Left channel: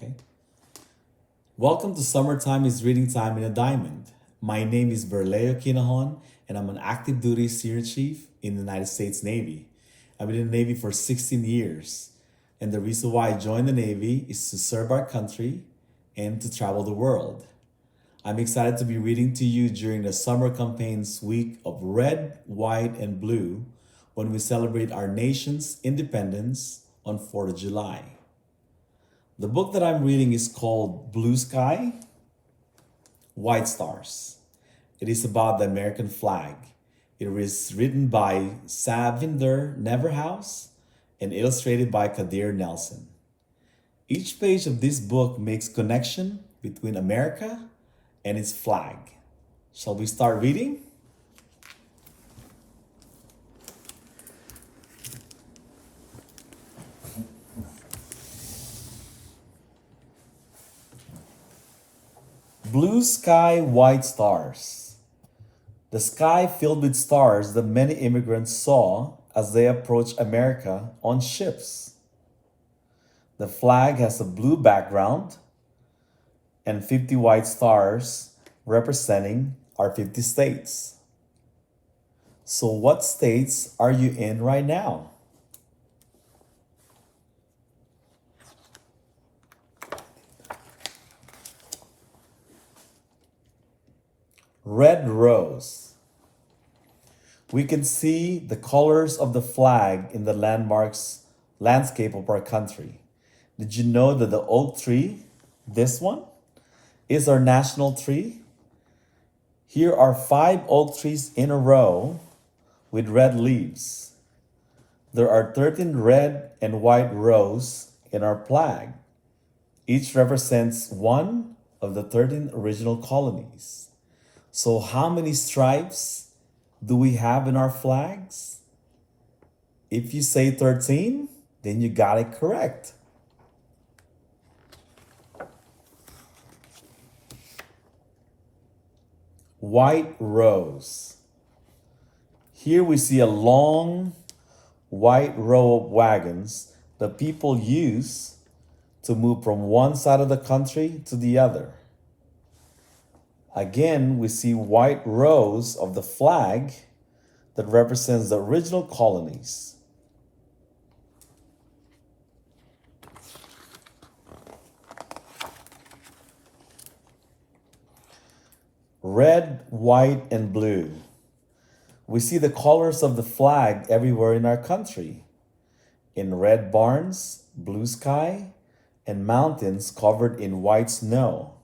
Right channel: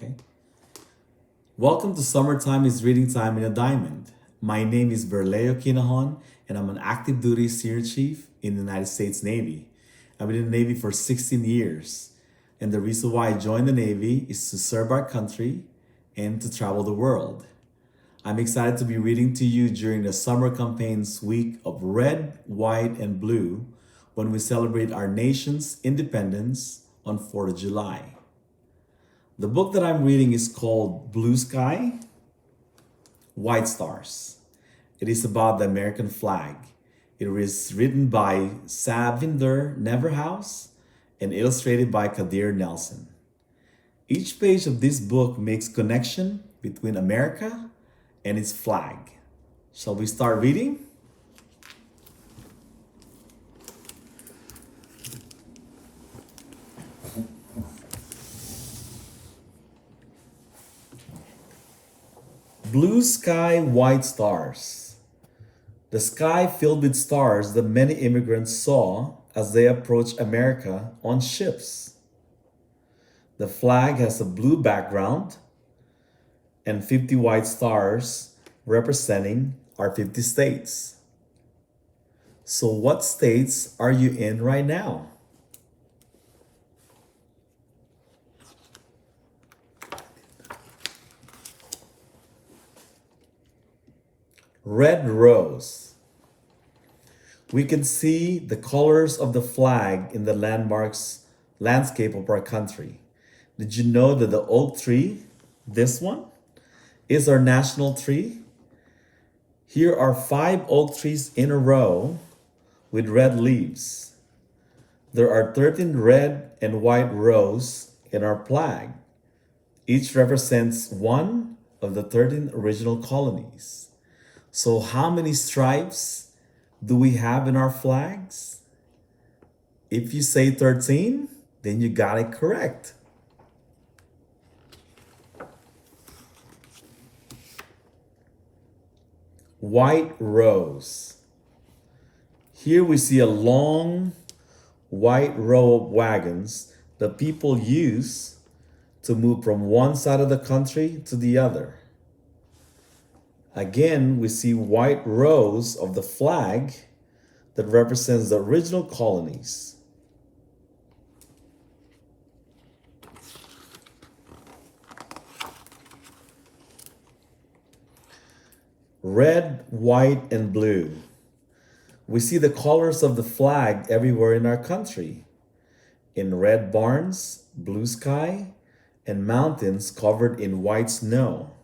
Okay. Welcome to Summertime is Reading Time in a Diamond. My name is Verleo Quinajon, and I'm an active duty senior chief in the United States Navy. I've been in the Navy for 16 years, and the reason why I joined the Navy is to serve our country and to travel the world. I'm excited to be reading to you during the summer campaign's week of red, white, and blue when we celebrate our nation's independence on 4th of July. The book that I'm reading is called Blue Sky, White Stars. It is about the American flag. It is written by Savinder Neverhouse and illustrated by Kadir Nelson. Each page of this book makes connection between America and its flag. Shall we start reading? Blue sky, white stars. The sky filled with stars that many immigrants saw as they approached America on ships. The flag has a blue background and 50 white stars representing our 50 states. So what states are you in right now? Red rose. We can see the colors of the flag in the landscape of our country. Did you know that the oak tree, this one, is our national tree? Here are 5 oak trees in a row with red leaves. There are 13 red and white rows in our flag. Each represents one of the 13 original colonies. So how many stripes do we have in our flags? If you say 13, then you got it correct. White rose. Here we see a long white row of wagons that people use to move from one side of the country to the other. Again, we see white rows of the flag that represents the original colonies. Red, white, and blue. We see the colors of the flag everywhere in our country. In red barns, blue sky, and mountains covered in white snow.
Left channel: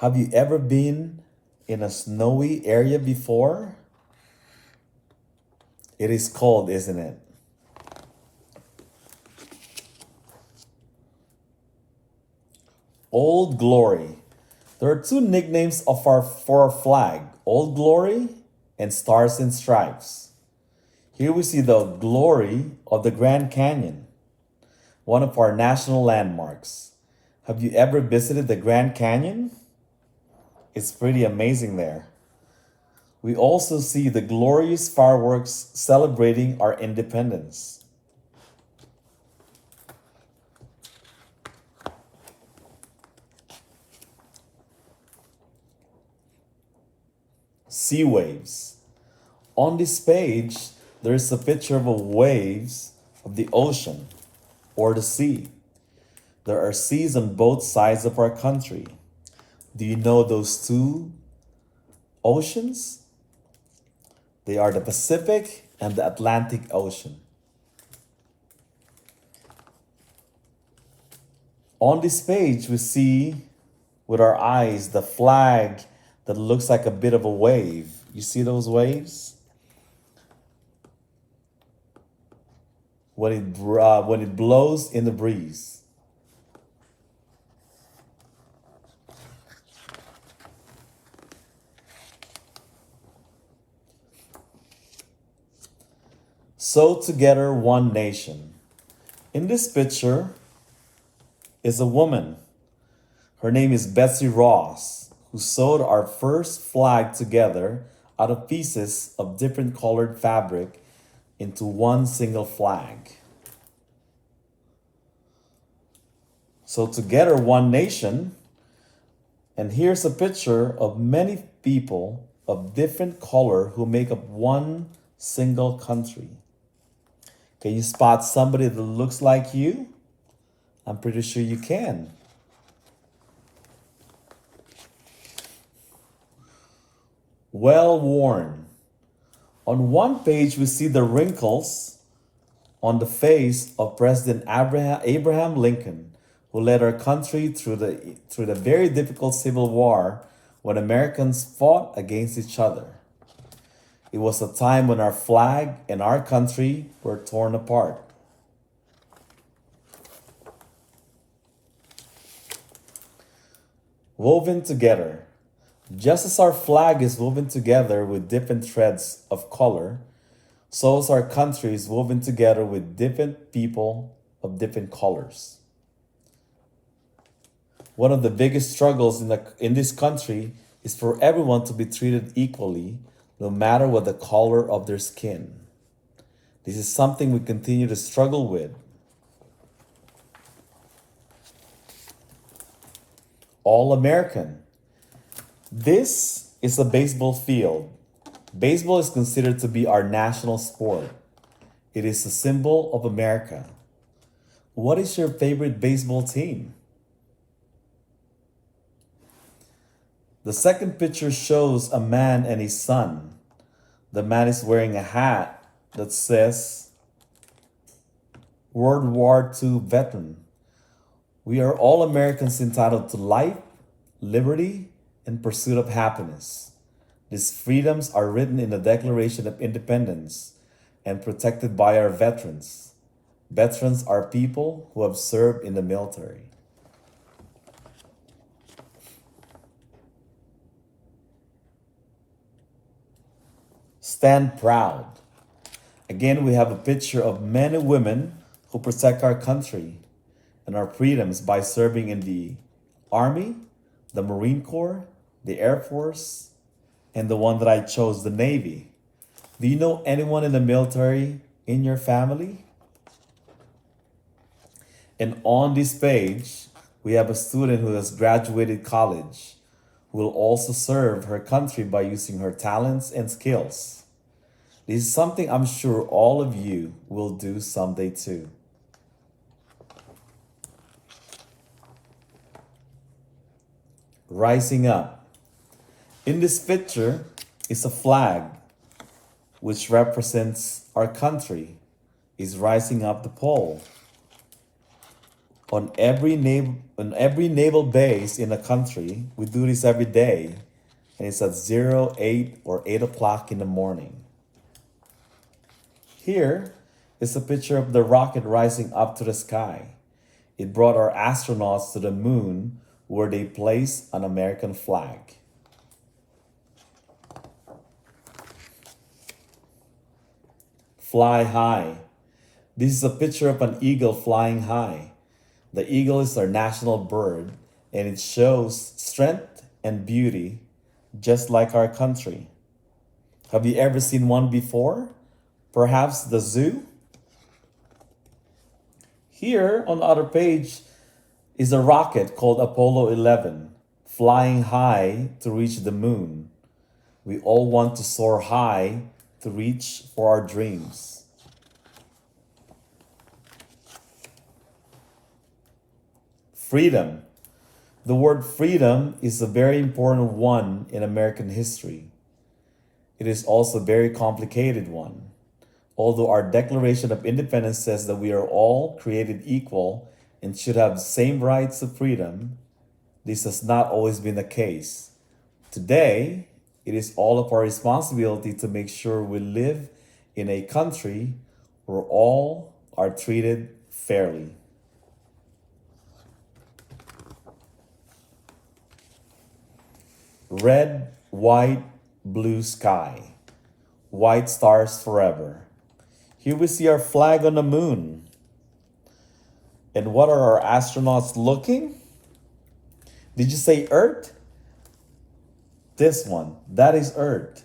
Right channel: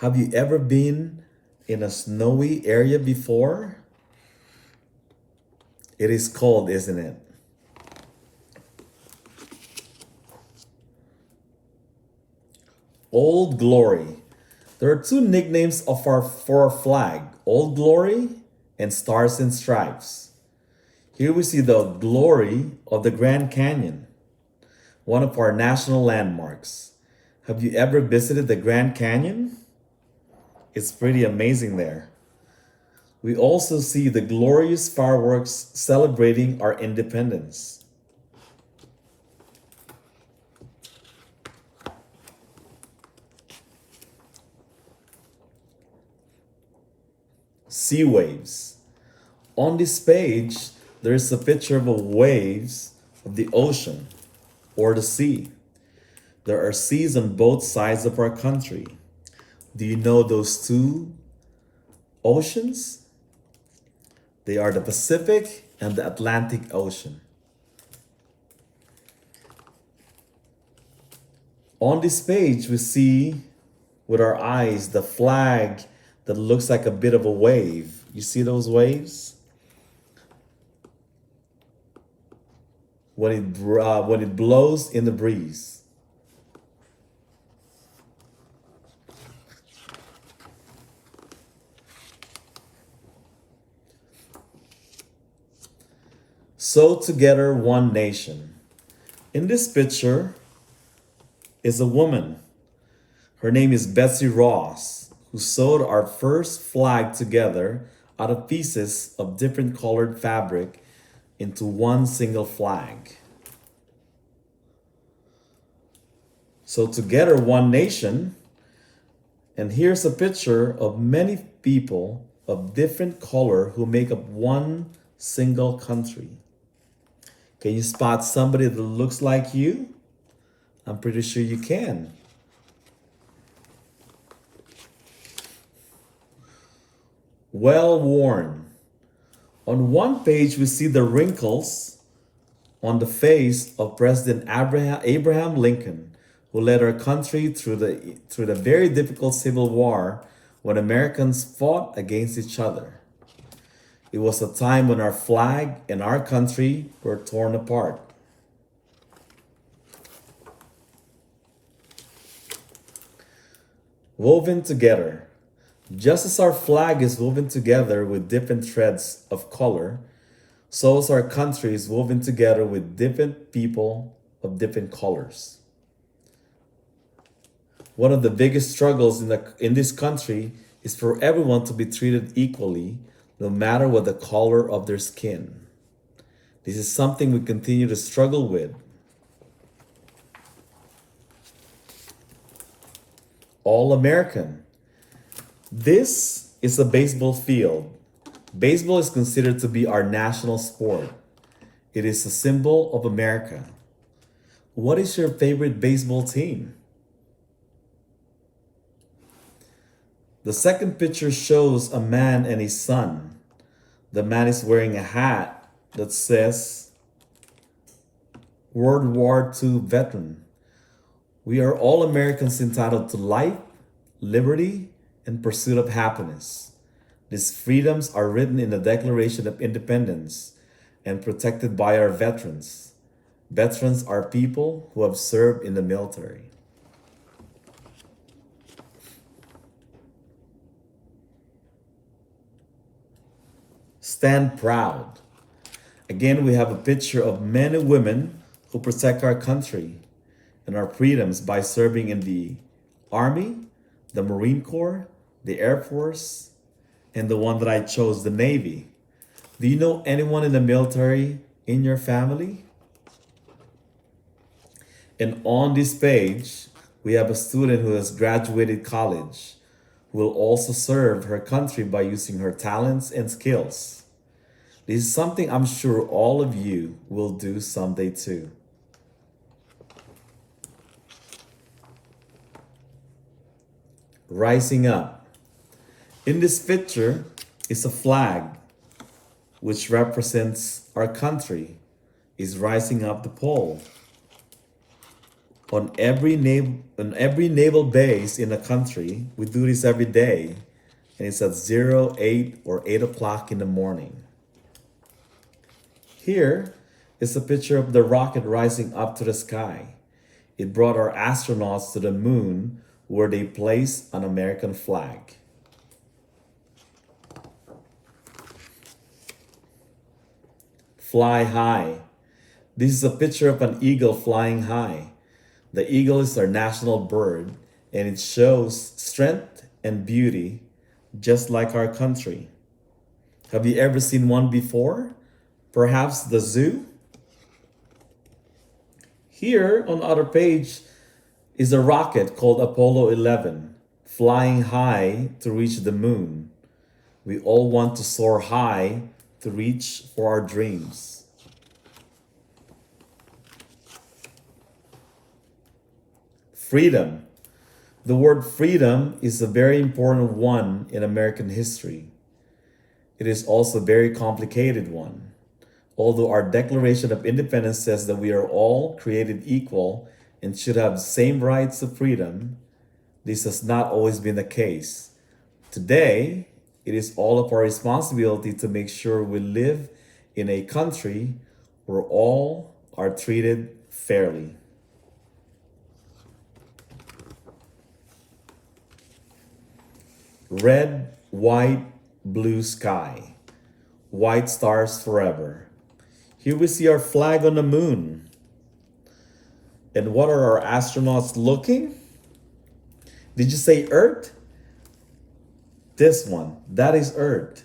Have you ever been in a snowy area before? It is cold, isn't it? Old Glory. There are 2 nicknames for our flag, Old Glory and Stars and Stripes. Here we see the glory of the Grand Canyon, one of our national landmarks. Have you ever visited the Grand Canyon? It's pretty amazing there. We also see the glorious fireworks celebrating our independence. Sea waves. On this page, there is a picture of waves of the ocean or the sea. There are seas on both sides of our country. Do you know those 2 oceans? They are the Pacific and the Atlantic Ocean. On this page, we see with our eyes the flag that looks like a bit of a wave. You see those waves? When it blows in the breeze. Sew together one nation. In this picture is a woman. Her name is Betsy Ross, who sewed our first flag together out of pieces of different colored fabric into one single flag. So together, one nation. And here's a picture of many people of different color who make up one single country. Can you spot somebody that looks like you? I'm pretty sure you can. Well worn. On one page, we see the wrinkles on the face of President Abraham Lincoln, who led our country through the very difficult Civil War when Americans fought against each other. It was a time when our flag and our country were torn apart. Woven together. Just as our flag is woven together with different threads of color, so is our country is woven together with different people of different colors. One of the biggest struggles in this country is for everyone to be treated equally, no matter what the color of their skin. This is something we continue to struggle with. All American. This is a baseball field. Baseball is considered to be our national sport. It is a symbol of America. What is your favorite baseball team? The second picture shows a man and his son. The man is wearing a hat that says World War II veteran. We are all Americans entitled to life, liberty, and pursuit of happiness. These freedoms are written in the Declaration of Independence and protected by our veterans. Veterans are people who have served in the military. Stand proud. Again, we have a picture of men and women who protect our country and our freedoms by serving in the Army, the Marine Corps, the Air Force, and the one that I chose, the Navy. Do you know anyone in the military in your family? And on this page, we have a student who has graduated college, who will also serve her country by using her talents and skills. This is something I'm sure all of you will do someday too. Rising up. In this picture is a flag which represents our country is rising up the pole. On every naval base in the country, we do this every day, and it's at 0, 8, or 8 o'clock in the morning. Here is a picture of the rocket rising up to the sky. It brought our astronauts to the moon where they placed an American flag. Fly high. This is a picture of an eagle flying high. The eagle is our national bird, and it shows strength and beauty, just like our country. Have you ever seen one before? Perhaps the zoo? Here on the other page is a rocket called Apollo 11, flying high to reach the moon. We all want to soar high to reach for our dreams. Freedom. The word freedom is a very important one in American history. It is also a very complicated one. Although our Declaration of Independence says that we are all created equal and should have the same rights of freedom, this has not always been the case. Today, it is all of our responsibility to make sure we live in a country where all are treated fairly. Red, white, blue sky. White stars forever. Here we see our flag on the moon. And what are our astronauts looking? Did you say Earth? This one, that is Earth.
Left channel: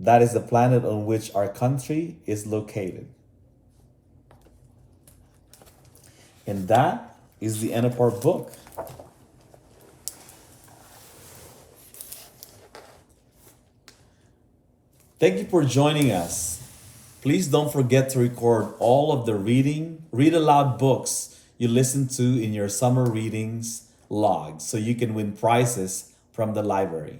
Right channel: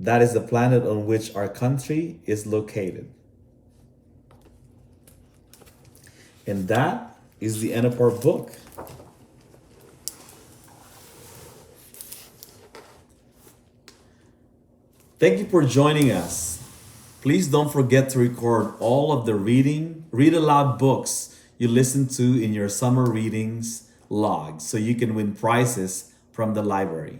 That is the planet on which our country is located. And that is the end of our book. Thank you for joining us. Please don't forget to record all of the read aloud books you listen to in your summer readings log so you can win prizes from the library.